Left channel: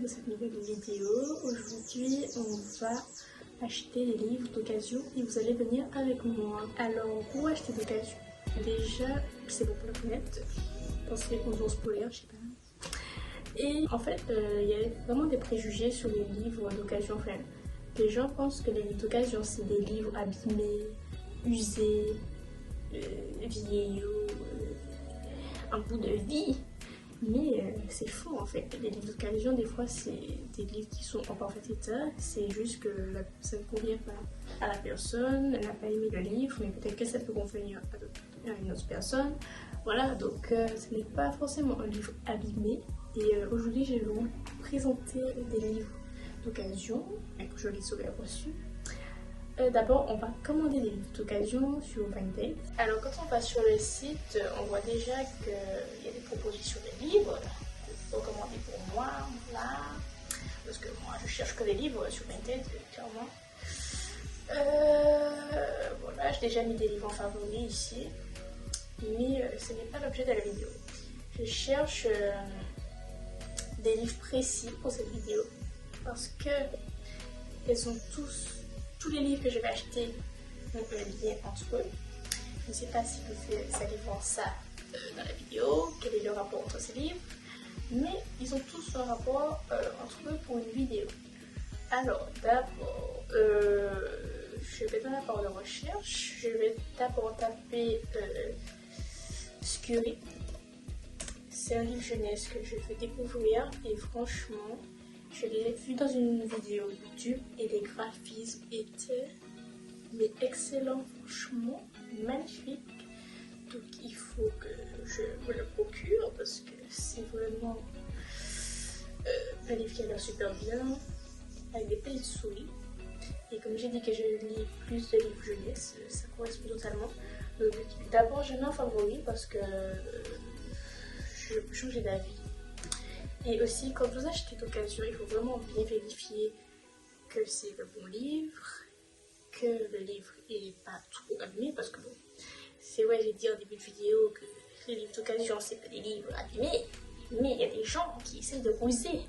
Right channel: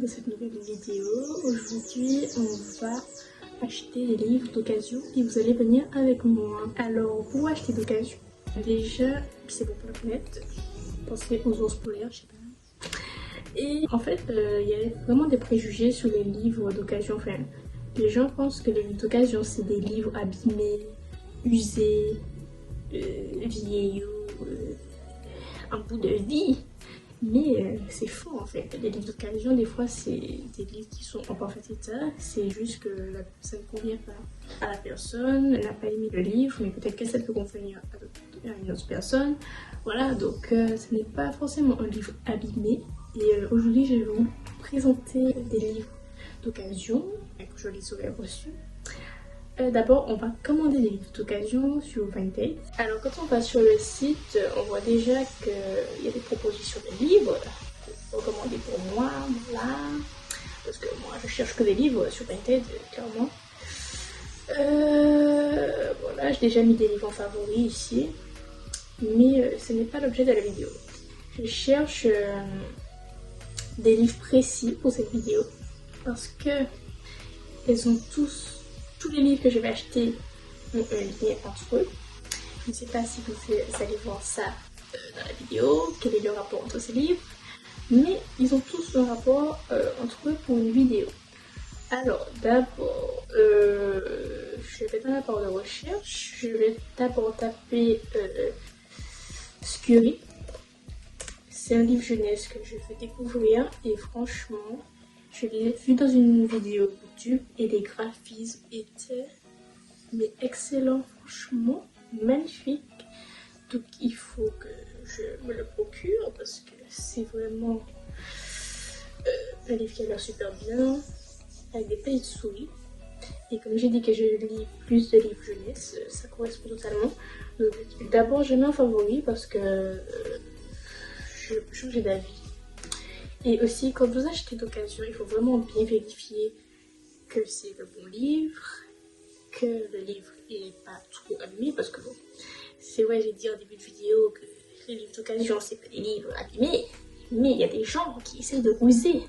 dans cette nouvelle vidéo. Aujourd'hui, on va acheter des livres d'occasion et vous allez venir avec moi. Alors, pour acheter d'occasion, déjà, c'est pour la fenêtre, penser aux ours polaires, je sais pas. Et en fait, il y a vraiment des préjugés sur les livres d'occasion. Enfin, les gens pensent que les livres d'occasion, c'est des livres abîmés, usés, vieillots, un bout de vie. Mais c'est fou en fait. Les livres d'occasion, des fois, c'est des livres qui sont en parfait état. C'est juste que ça ne convient pas à la personne. Elle n'a pas aimé le livre, mais peut-être que ça peut convenir à une autre personne. Voilà, donc ce n'est pas forcément un livre abîmé. Et aujourd'hui, je vais vous présenter des livres d'occasion que je les aurais reçus. D'abord, on va commander des livres d'occasion sur Vinted. Alors, quand on va sur le site, on voit déjà qu'il y a des propositions de livres recommandés pour moi, voilà. Parce que moi, je cherche que des livres sur Vinted, clairement. Voilà, j'ai déjà mis des livres en favoris ici. Mais ce n'est pas l'objet de la vidéo. Je cherche des livres précis pour cette vidéo. Parce que ils ont tous les livres que je vais acheter ont un lien entre eux. Je ne sais pas si vous allez voir ça dans la vidéo, quel est le rapport entre ces livres, mais ils ont tous un rapport entre eux pour une vidéo. Alors d'abord, je vais dans la barre de recherche, je vais d'abord taper Scurry. C'est un livre jeunesse que je vais découvrir et franchement, je l'ai vu dans une vidéo YouTube et les graphismes étaient excellents, franchement, magnifiques. Donc il faut que je me le procure parce que c'est vraiment un livre qui a l'air super bien, avec des petites souris. Et comme j'ai dit que je lis plus de livres jeunesse, ça correspond totalement. Donc d'abord je mets en favori parce que je peux changer d'avis. Et aussi, quand vous achetez d'occasion, il faut vraiment bien vérifier que c'est le bon livre, que le livre n'est pas trop abîmé, parce que bon, c'est vrai, j'ai dit en début de vidéo que les livres d'occasion, c'est pas des livres abîmés, mais il y a des gens qui essaient de ruser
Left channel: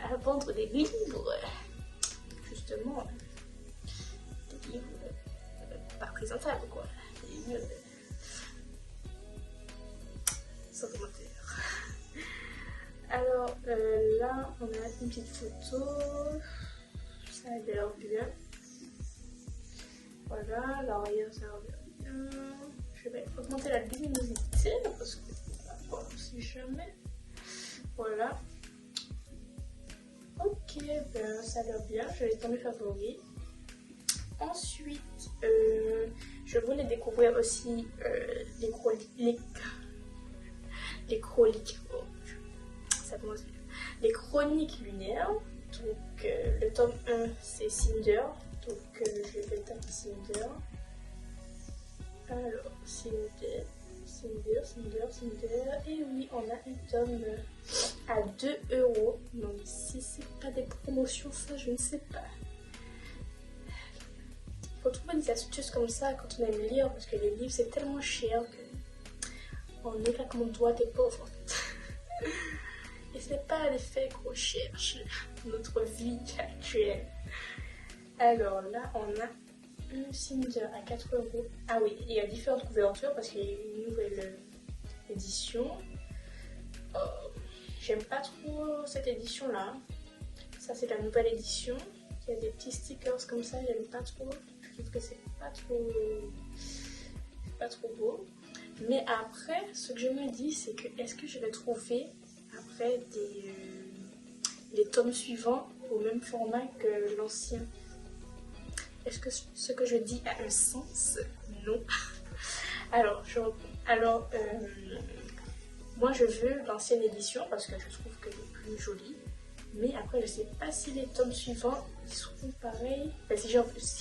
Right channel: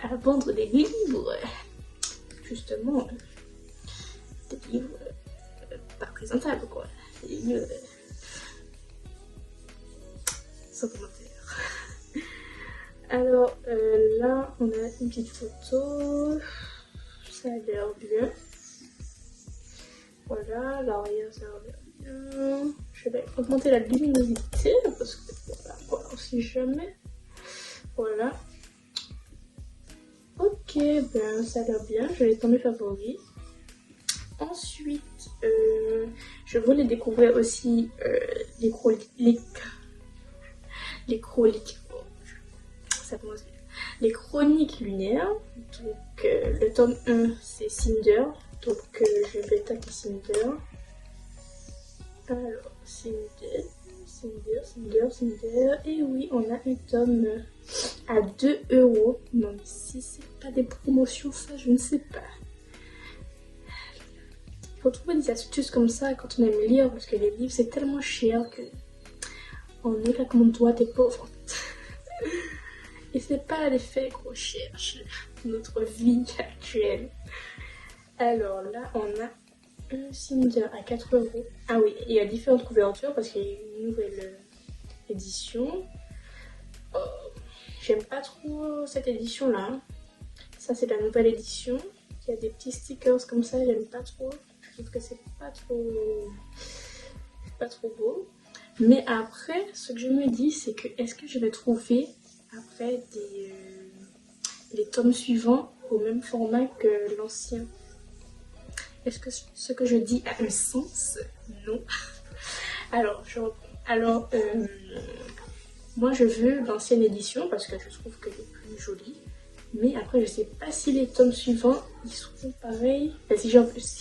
à vendre des livres, justement, des livres pas présentables, quoi, des livres sans commentaire. Alors là, on a une petite photo, ça a l'air bien. Voilà, l'arrière ça a l'air bien. Je vais augmenter la luminosité parce que voilà, on sait jamais. Voilà. Ok, ben ça a l'air bien, je l'ai dans mes favoris. Ensuite, je voulais découvrir aussi les chroniques lunaires. Donc le tome 1 c'est Cinder, donc je vais taper Cinder. Alors Cinder, et oui, on a un tome à 2 €. Non, si c'est pas des promotions, ça je ne sais pas. Il faut trouver des astuces comme ça quand on aime lire, parce que les livres c'est tellement cher que on est là comme on doit des pauvres en fait. Et c'est pas l'effet qu'on cherche dans notre vie actuelle. Alors là, on a un Cinder à 4 €. Ah oui, il y a différentes couvertures parce qu'il y a une nouvelle édition. Oh, j'aime pas trop cette édition là. Ça c'est la nouvelle édition. Il y a des petits stickers comme ça, j'aime pas trop. Je trouve que c'est pas trop beau. Mais après, ce que je me dis, c'est que est-ce que je vais trouver après les tomes suivants au même format que l'ancien? Est-ce que ce que je dis a un sens? Non. Alors, moi je veux l'ancienne édition parce que je trouve qu'elle est plus jolie. Mais après, je sais pas si les tomes suivants ils seront pareils. Ben, si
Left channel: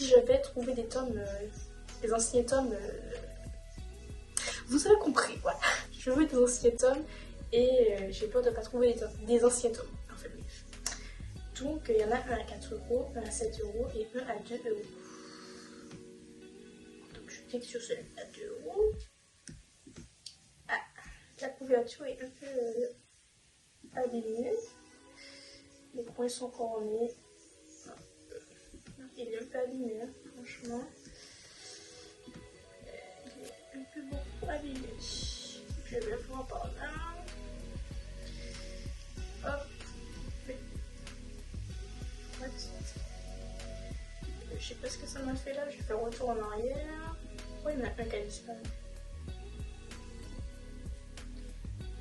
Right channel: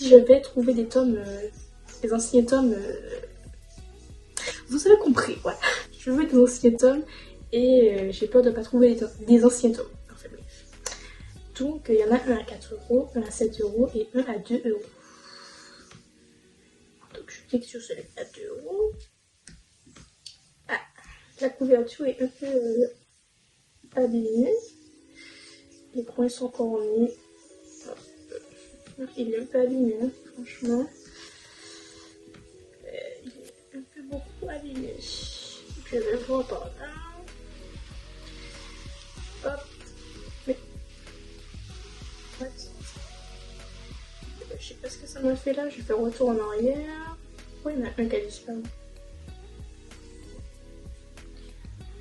je vais trouver des tomes, les anciens tomes, vous avez compris, voilà. Je veux des anciens tomes et j'ai peur de ne pas trouver des anciens tomes. Enfin bref. Donc il y en a un à 4 €, un à 7 € et un à 2 €. Donc je clique sur celui à 2 €. Ah, la couverture est un peu abîmée. Les coins sont couronnés. Il est un peu abîmé, hein, franchement. Il est un peu beaucoup abîmé. Je vais voir par là. Hop. Mais. Ouais, je sais pas ce que ça m'a fait là. Je vais faire retour en arrière. Oui, il y en a un qui a disparu.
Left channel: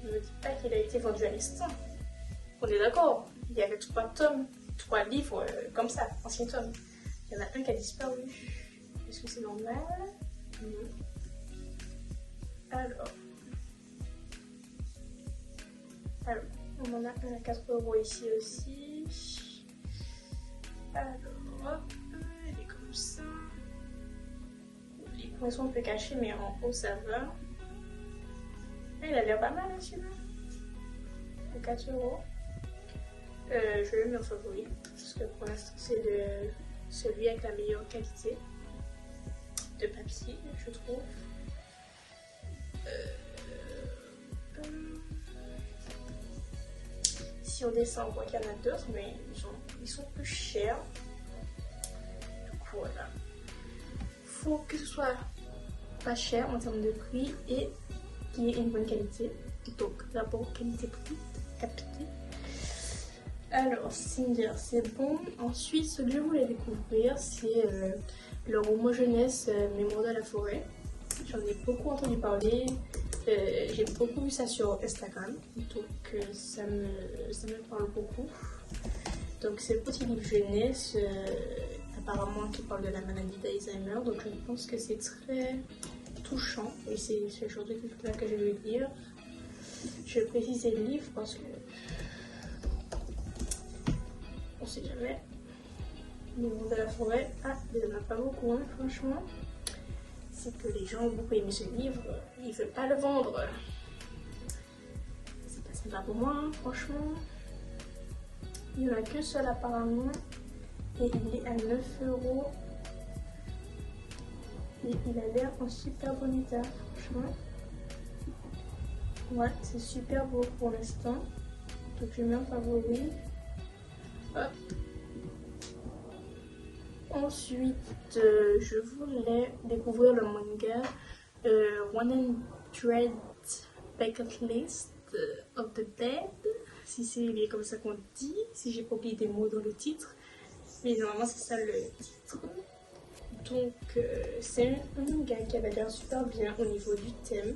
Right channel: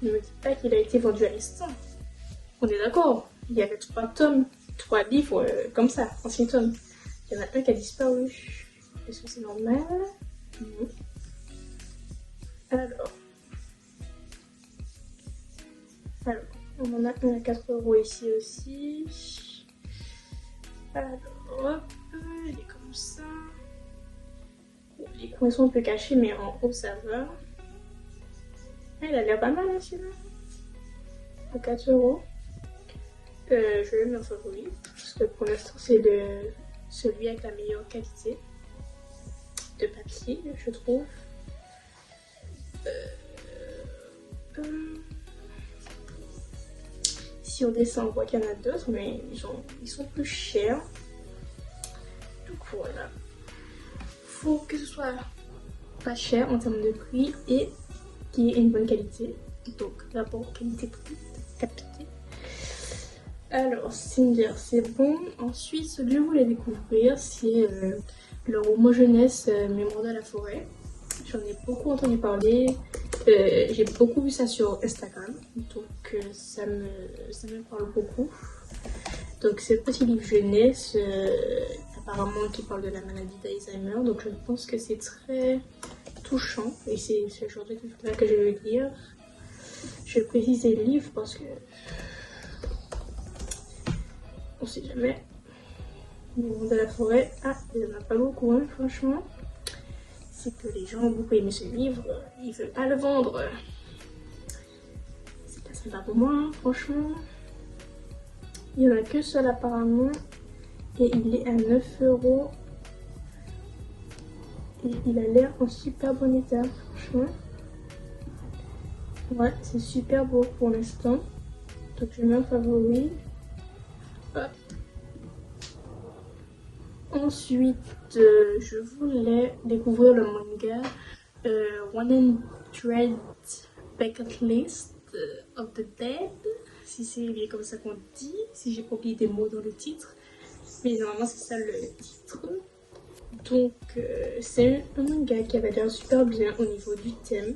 Ne me dis pas qu'il a été vendu à l'instant. On est d'accord. Il y avait 3 tomes, 3 livres comme ça, anciens tomes. Il y en a un qui a disparu. Est-ce que c'est normal? Non. Alors, on en a un à 4 € ici aussi. Alors, hop, il est comme ça. Les coins sont un peu cachés, mais en haut ça va. Il a l'air pas mal, hein, celui-là. À 4 €. Je vais le mettre en favori, parce que pour l'instant c'est celui avec la meilleure qualité de papier, je trouve. Si on descend, on voit qu'il y en a d'autres, mais ils sont plus chers. Donc voilà. Faut que ce soit pas cher en termes de prix et qui ait une bonne qualité. Donc d'abord qualité-prix, capité. Alors, Cinder, c'est bon. Ensuite, ce que je voulais découvrir, c'est le roman jeunesse Mémoire de la forêt. J'en ai beaucoup entendu parler. J'ai beaucoup vu ça sur Instagram. Donc, ça me parle beaucoup. Donc, c'est un petit livre jeunesse, apparemment qui parle de la maladie d'Alzheimer. Donc, je pense que c'est très touchant. Et c'est ce genre de livre-là que je veux lire. Je vais préciser le livre parce que on sait jamais. Le monde de la forêt, il n'y en a pas beaucoup, hein, franchement. C'est que les gens ont beaucoup aimé ce livre, ils ne veulent pas le vendre. C'est pas pour moi, hein, franchement. Il n'y en a qu'un seul apparemment. Et il est à 9 €. Et il a l'air en super bon état, franchement. Ouais, c'est super beau pour l'instant. Donc je mets en favori. Hop. Ensuite, je voulais découvrir le manga 100 Bucket List of the Dead, si c'est bien comme ça qu'on dit, si j'ai pas oublié des mots dans le titre, mais normalement c'est ça le titre. Donc c'est un manga qui avait l'air super bien au niveau du thème.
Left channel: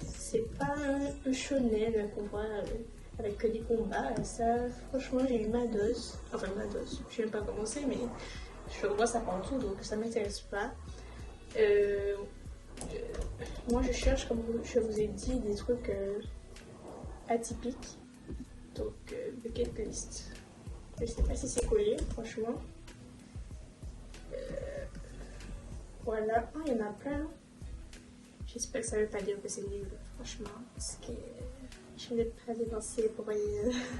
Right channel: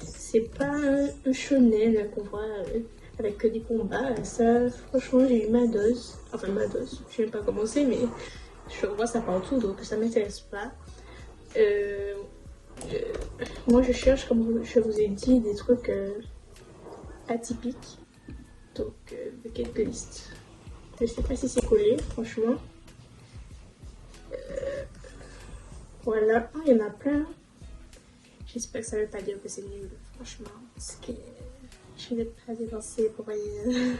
C'est pas un shonen qu'on voit avec que des combats. Ça, franchement, j'ai eu ma dose. Enfin, ma dose, je vais pas commencer, mais je vois ça partout, donc ça m'intéresse pas. Moi, je cherche, comme je vous ai dit, des trucs atypiques. Donc, quelques listes. Je sais pas si c'est collé, franchement. Voilà, il y en a plein. J'espère que ça veut pas dire que c'est nul, franchement. Parce que je n'ai pas dépensé pour rien.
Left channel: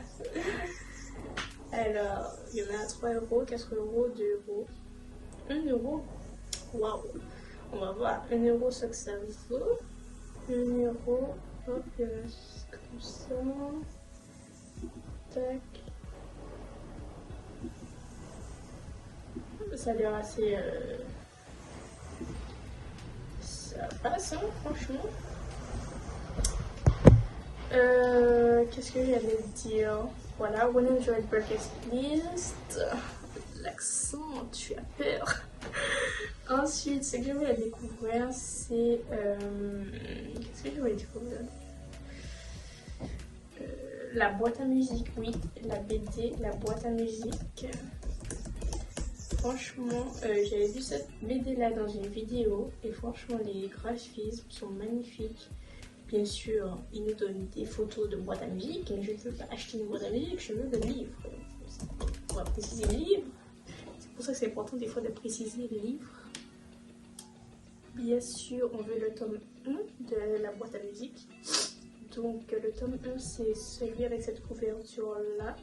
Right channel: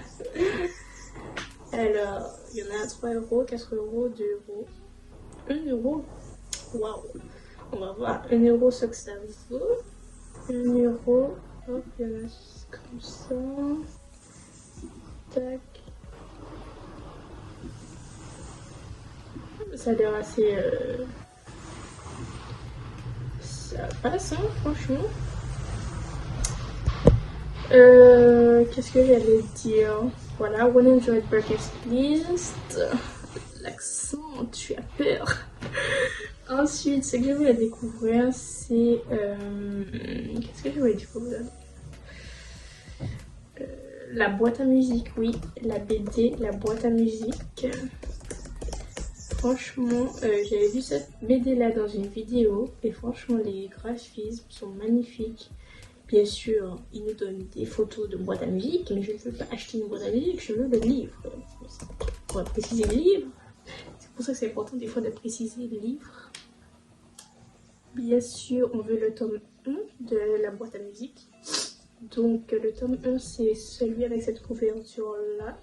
Alors, il y en a à 3 €, 4 €, 2 €, 1 €. Waouh! On va voir 1 € ce que ça vaut. 1 €. Hop, il y en a comme ça. Tac. Ça a l'air assez. Ça passe, hein, franchement. Qu'est-ce que j'allais dire? Voilà, 100 Bucket List. L'accent, tu as peur. Ensuite, ce que je voulais découvrir, c'est. Qu'est-ce que je voulais découvrir? La boîte à musique, oui. La BD, la boîte à musique. Franchement, j'avais vu cette BD là dans une vidéo et franchement, les graphismes sont magnifiques. Bien sûr, ils nous donnent des photos de boîte à musique, mais je ne veux pas acheter une boîte à musique, je veux le livre. On va préciser le livre. C'est pour ça que c'est important des fois de préciser le livre. Bien sûr, on veut le tome 1 de la boîte à musique. Donc le tome 1, c'est celui avec cette couverture là.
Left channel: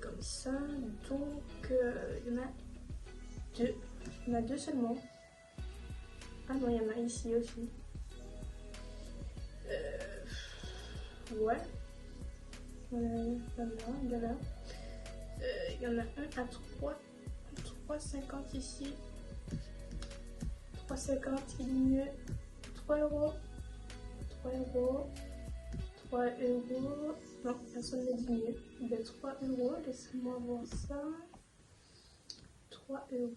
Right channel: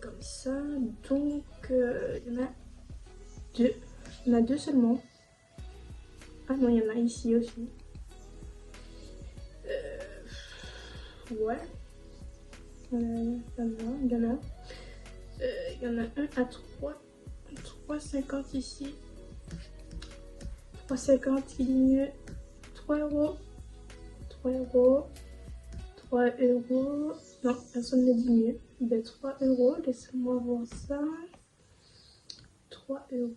Comme ça. Donc il y en a 2. Il y en a 2 seulement. Ah non, il y en a ici aussi. Ouais. Il y en a. Il y en a un à 3,50 ici. 3,50 qui diminue. 3 euros. 3 euros. 3 euros. Non, personne ne diminue. De 3 euros. Laissez-moi voir ça. 3 euros.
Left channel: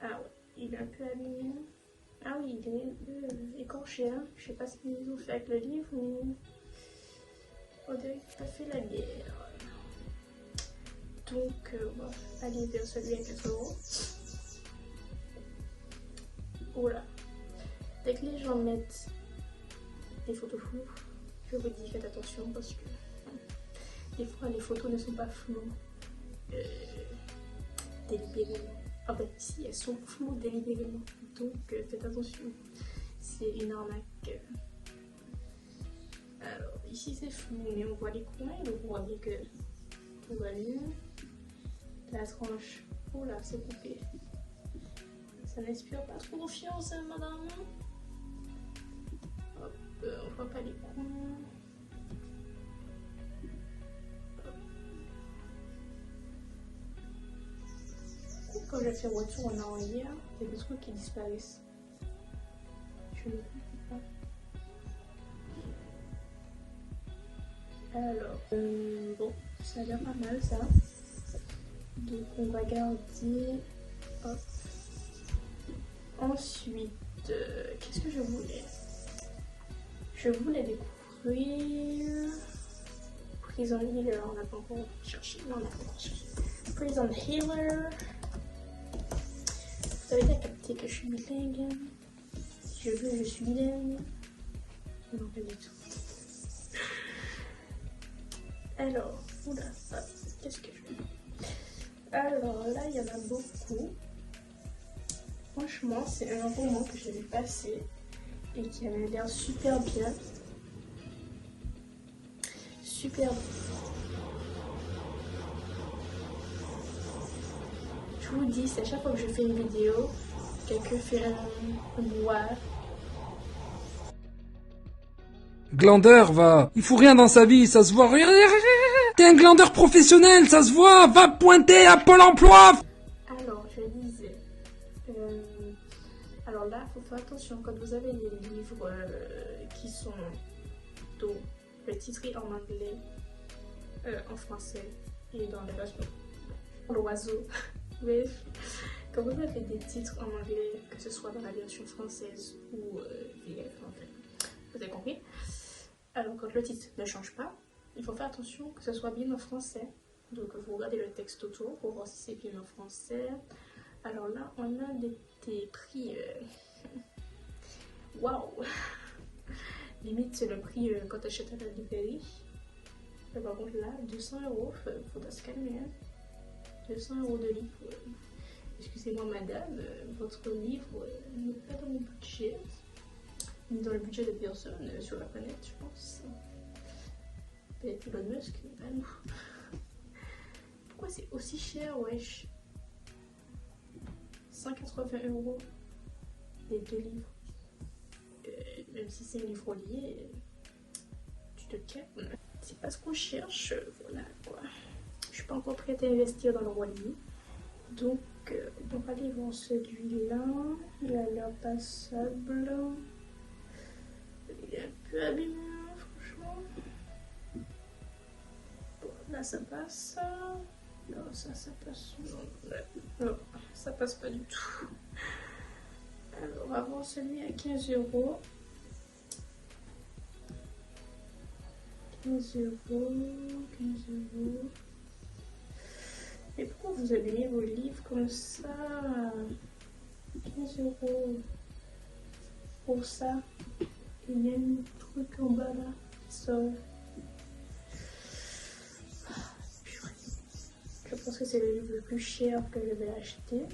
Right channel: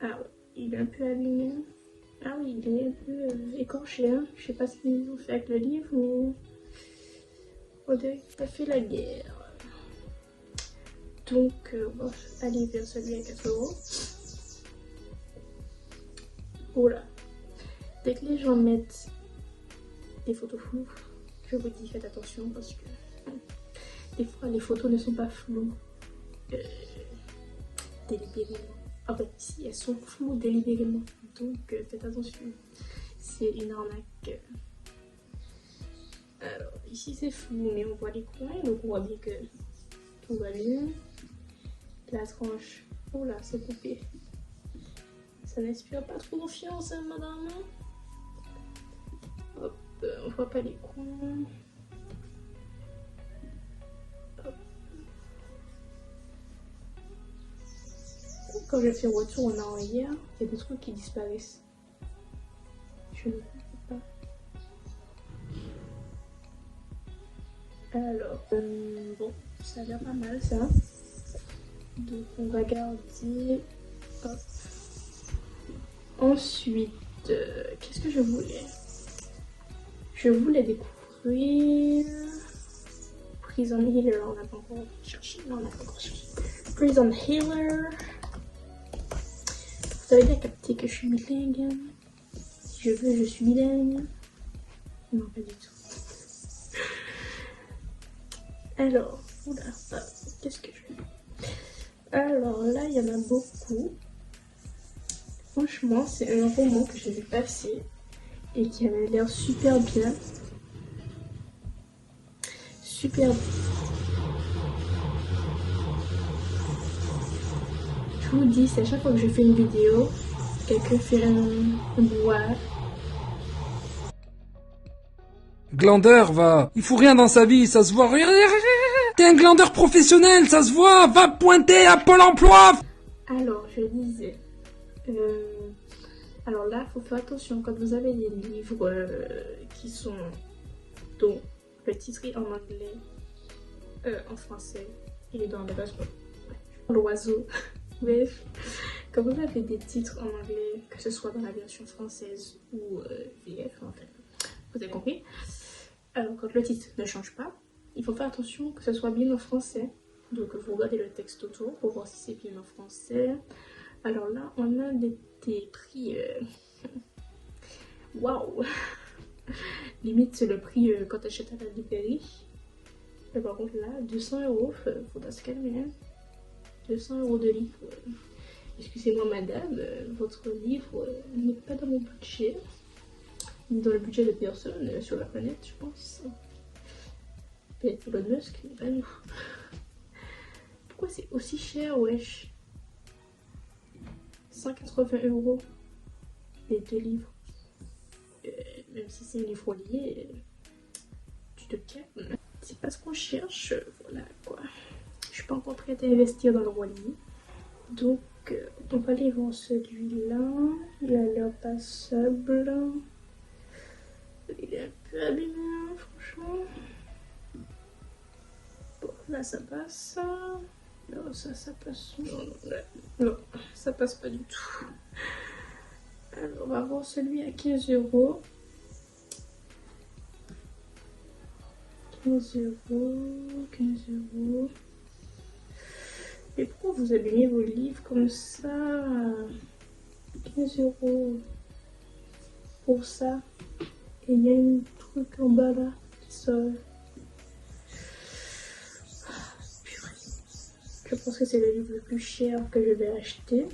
Ah ouais, il est un peu abîmé. Ah oui, il est un peu écorché. Hein. Je sais pas ce qu'ils ont fait avec le livre, mais on dirait qu'il a fait la guerre. Donc, on va aller vers celui à 4 euros. Oh là. Dès que les gens mettent des photos floues, je vous dis faites attention parce que des fois les photos ne sont pas floues délibérément. En fait, si elles sont floues délibérément, donc faites attention. C'est une arnaque. Alors ici c'est flou, mais on voit les coins, donc on voit bien que tout va bien. La tranche, oh là, c'est coupé. Ça n'inspire pas trop confiance, hein, madame. Hop, on voit pas les coins. Hop. Quand je fais retour en arrière, il y a des trucs qui disparaissent. Je ne comprends pas. Alors, bon, ça a l'air pas mal ça. Donc on va garder. Hop. Ensuite, qu'est-ce que je voulais? Je voulais découvrir Prison Healer. On n'a pas encore cherché. Non, on n'a pas encore cherché. Prison Healer. Vous avez bien capté que je suis bilingue. Si je veux, je suis bilingue. Non, pas du tout. Alors, oula, qu'est-ce que je fais? Alors là, il y en a beaucoup. Franchement, c'est un roman que j'ai vu passer et qui avait l'air super bien. Super bien. Je vous dis, c'est à chaque fois que je fais une vidéo, quelqu'un fait un boire. Glandeur, va. Il faut rien dans sa vie, ça se voit. T'es un glandeur professionnel, ça se voit. Va pointer à Pôle emploi. Alors, je disais. Alors là, il faut faire attention quand vous avez des livres qui sont dont le titre est en anglais, en français et dans les pages. L'oiseau. Bref, quand vous avez des titres en anglais, que ce soit dans la version française ou VF, enfin, vous avez compris. Alors quand le titre ne change pas, il faut faire attention que ce soit bien en français. Donc vous regardez le texte autour pour voir si c'est bien en français. Alors là, on a des prix. Waouh! Limite, c'est le prix quand tu achètes à la librairie. Mais par contre, là, 200 €, faudra se calmer. Hein. 200 € de livre. Excusez-moi, madame, votre livre n'est pas dans mon budget, ni dans le budget de personne sur la planète, je pense. Peut-être Elon Musk, mais pas nous. Pourquoi c'est aussi cher, wesh? 180 € les 2 livres. Même si c'est un livre lié, tu te calmes. C'est pas ce qu'on cherche, voilà quoi. Je suis pas encore prête à investir dans le roi lié. Donc, on va aller voir celui-là. Il a l'air passable. Il est un peu abîmé, franchement. Bon, là ça passe. Non, ça passe. Non, ça passe pas du tout. Alors, on va voir celui à 15 €. 15 €, 15 €. Et pourquoi vous abîmez vos livres comme ça? 15 € pour ça. Et il y a un truc en bas là qui sort. Je pense que c'est le livre le plus cher que je vais acheter.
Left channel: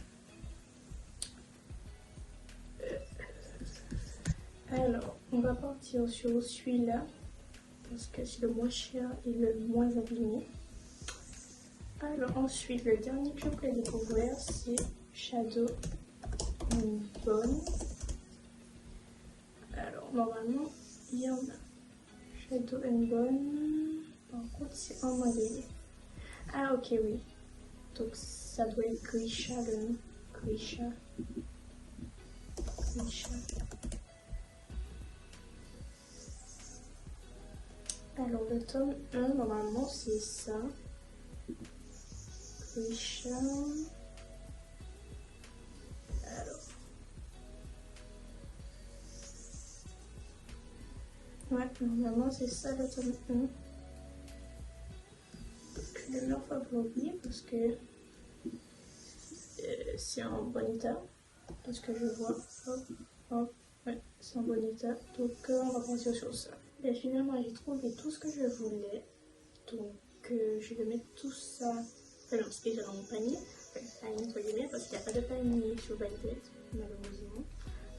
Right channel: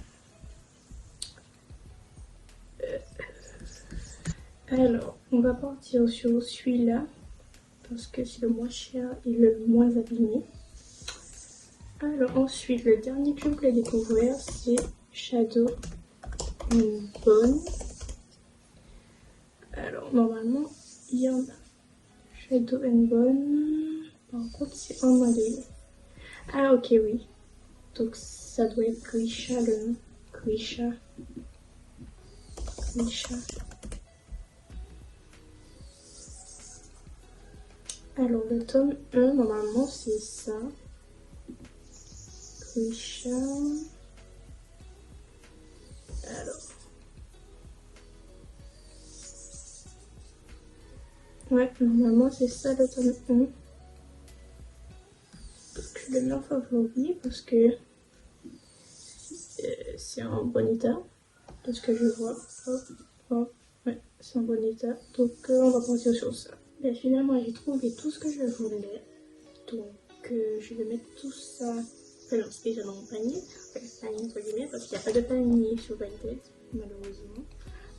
Alors, on va partir sur celui-là. Parce que c'est le moins cher et le moins abîmé. Alors ensuite, le dernier que je voulais découvrir, c'est Shadow and Bone. Alors normalement, il y en a Shadow and Bone. Par contre, c'est en modèle. Ah, ok, oui. Donc, ça doit être Grisha le nom. Grisha. Grisha. Alors, le tome 1, normalement, c'est ça. Grisha. Alors. Ouais, normalement, c'est ça le tome 1. Donc, je le mets en favori parce que c'est en bon état. Parce que je vois. Hop, hop. Ouais, c'est en bon état. Donc, on va partir sur ça. Et finalement, j'ai trouvé tout ce que je voulais. Donc, je vais mettre tout ça. Enfin, non, c'est déjà dans mon panier. Enfin, panier, entre guillemets, parce qu'il n'y a pas de panier sur Vinted, malheureusement.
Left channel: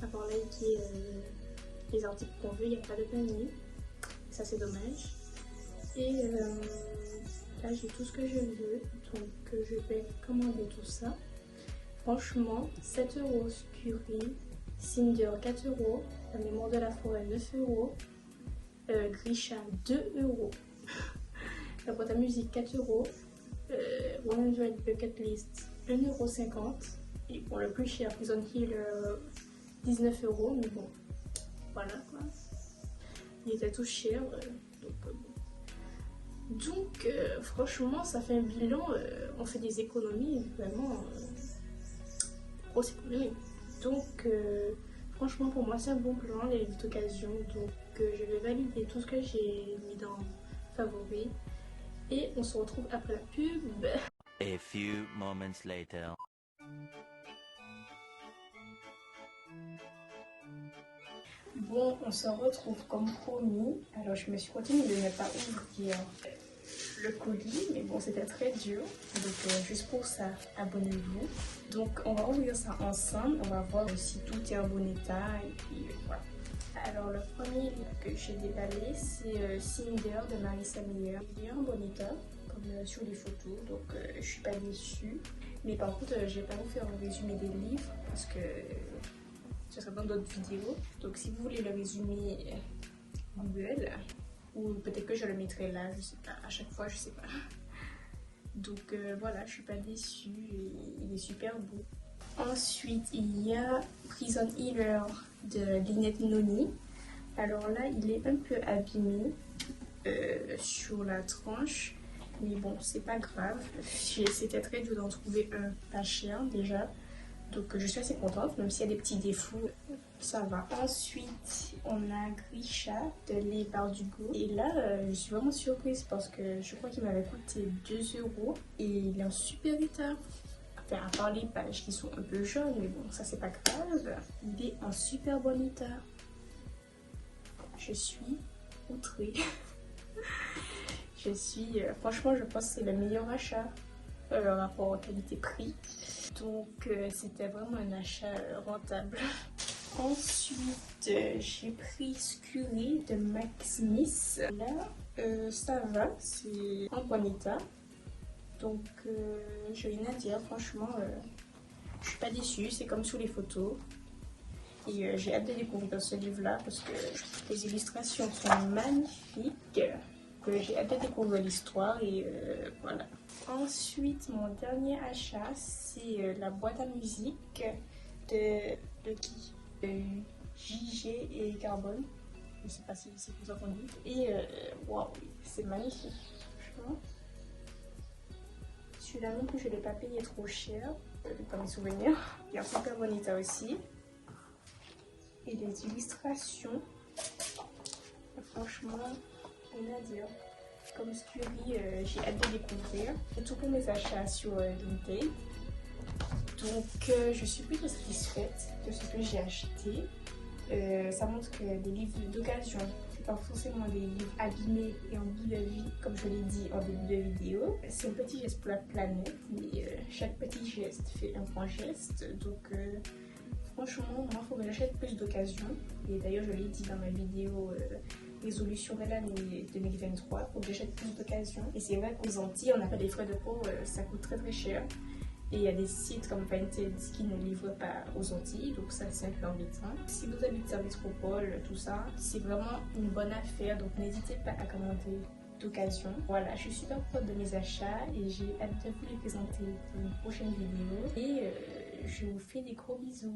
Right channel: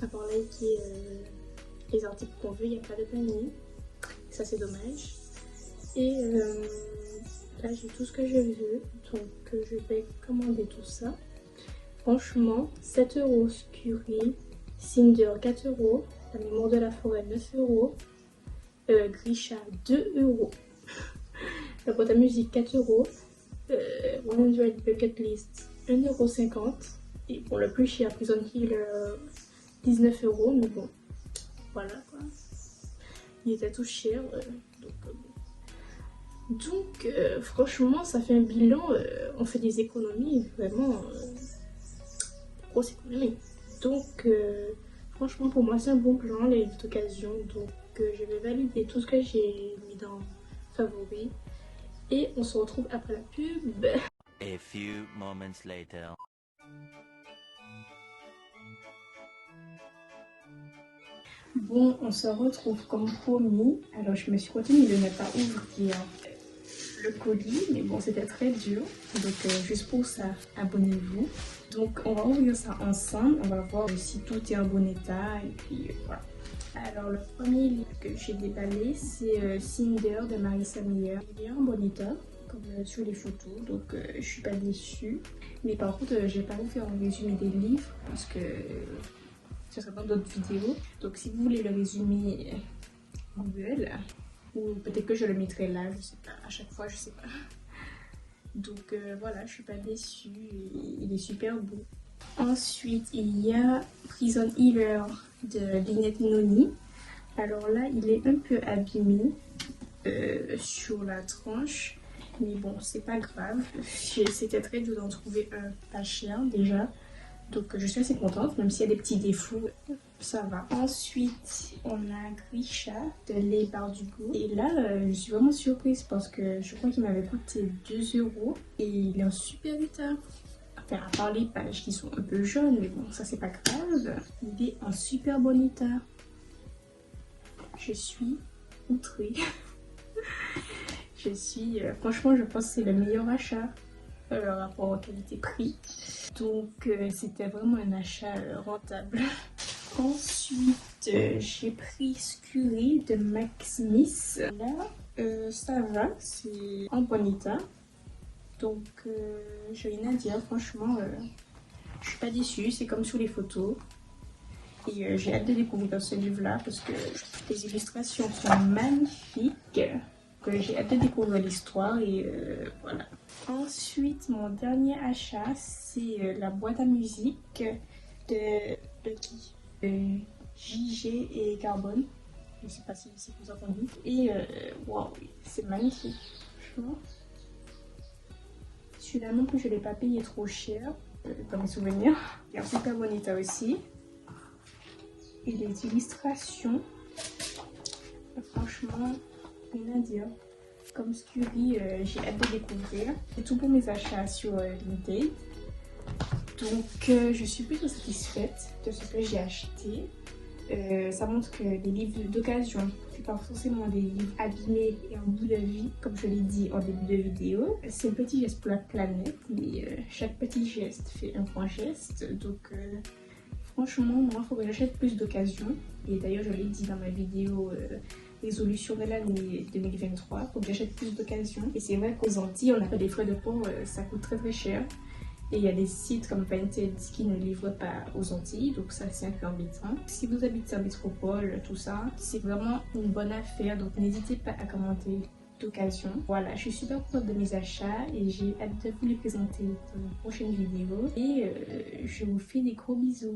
À part là, qui est les articles qu'on veut, il n'y a pas de panier. Ça, c'est dommage. Et là, j'ai tout ce que je veux. Donc, je vais commander tout ça. Franchement, 7 € Scurry, Cinder 4 €, La mémoire de la forêt 9 €, Grisha 2 €, la boîte à musique 4 €, 100 Bucket List 1,50 €, et pour le plus cher, Prison Healer 19 €, mais bon, voilà quoi. Il était tout cher, donc franchement, ça fait un bilan, on fait des économies, vraiment. Grosse économie. Donc franchement pour moi c'est un bon plan les livres d'occasion, donc je vais valider tout ce que j'ai mis dans favori et on se retrouve après la pub. A few moments later. Bon, on se retrouve comme promis. Alors je me suis retenue de ne pas ouvrir le colis, mais bon c'était très dur, donc juste pour ça abonnez-vous. Donc on va ouvrir ça ensemble, on va voir si tout est en bon état et puis voilà. Alors le premier livre que j'ai déballé c'est Cinder de Marissa Meyer. Il est en bon état comme sur les photos, donc je suis pas déçue, mais par contre j'ai pas refait un résumé des livres parce que ce sera dans d'autres vidéos. Donc si vous voulez le résumé Google, ou peut-être que je le mettrai là, je sais pas, à chaque fois, je sais pas. Donc voilà, je suis pas déçue et il est super beau. Ensuite, il y a Prison Healer de Lynette Noni. Alors là, il est un peu abîmé sur la tranche, mais bon, c'est pas grave. C'était très dur d'en trouver un pas cher déjà. Donc je suis assez contente, même s'il y a des petits défauts, ça va. Ensuite, on a Grisha de Les Bardugo. Et là, je suis vraiment surprise parce que je crois qu'il m'avait coûté 2 € et il est en super état. Enfin, à part les pages qui sont un peu jaunes, mais bon, ça c'est pas grave. Il est en super bon état. Je suis outrée. Franchement, je pense que c'est le meilleur achat. Rapport qualité-prix, donc c'était vraiment un achat rentable. Ensuite j'ai pris Scurry de Max Smith. Là ça va, c'est en bon état, donc j'ai rien à dire. Franchement je suis pas déçue, c'est comme sur les photos et j'ai hâte de découvrir ce livre là parce que les illustrations sont magnifiques. J'ai hâte de découvrir l'histoire et voilà. Ensuite, mon dernier achat, c'est la boîte à musique de qui JG et Carbone. Je ne sais pas si vous entendez. Et waouh, c'est magnifique, franchement. Celui-là non plus, je ne l'ai pas payé trop cher, dans mes souvenirs. Il est en super bon état aussi. Et les illustrations, franchement, rien à dire. Comme Scurry, j'ai hâte de découvrir. C'est tout pour mes achats sur Vinted. Donc je suis plutôt satisfaite de ce que j'ai acheté. Ça montre que les livres d'occasion, c'est pas forcément des livres abîmés et en bout de vie, comme je l'ai dit en début de vidéo. C'est un petit geste pour la planète, mais chaque petit geste fait un grand geste. Donc franchement, moi, il faudrait que j'achète plus d'occasion. Et d'ailleurs, je l'ai dit dans ma vidéo résolution de l'année 2023, faut que j'achète plus d'occasion. Et c'est vrai qu'aux Antilles, on n'a pas des frais de port, ça coûte très très cher. Et il y a des sites comme Vinted qui ne livrent pas aux Antilles, donc ça c'est un peu embêtant. Si vous habitez en métropole, tout ça, c'est vraiment une bonne affaire, donc n'hésitez pas à commenter d'occasion. Voilà, je suis super contente de mes achats et j'ai hâte de vous les présenter dans la prochaine vidéo. Et je vous fais des gros bisous.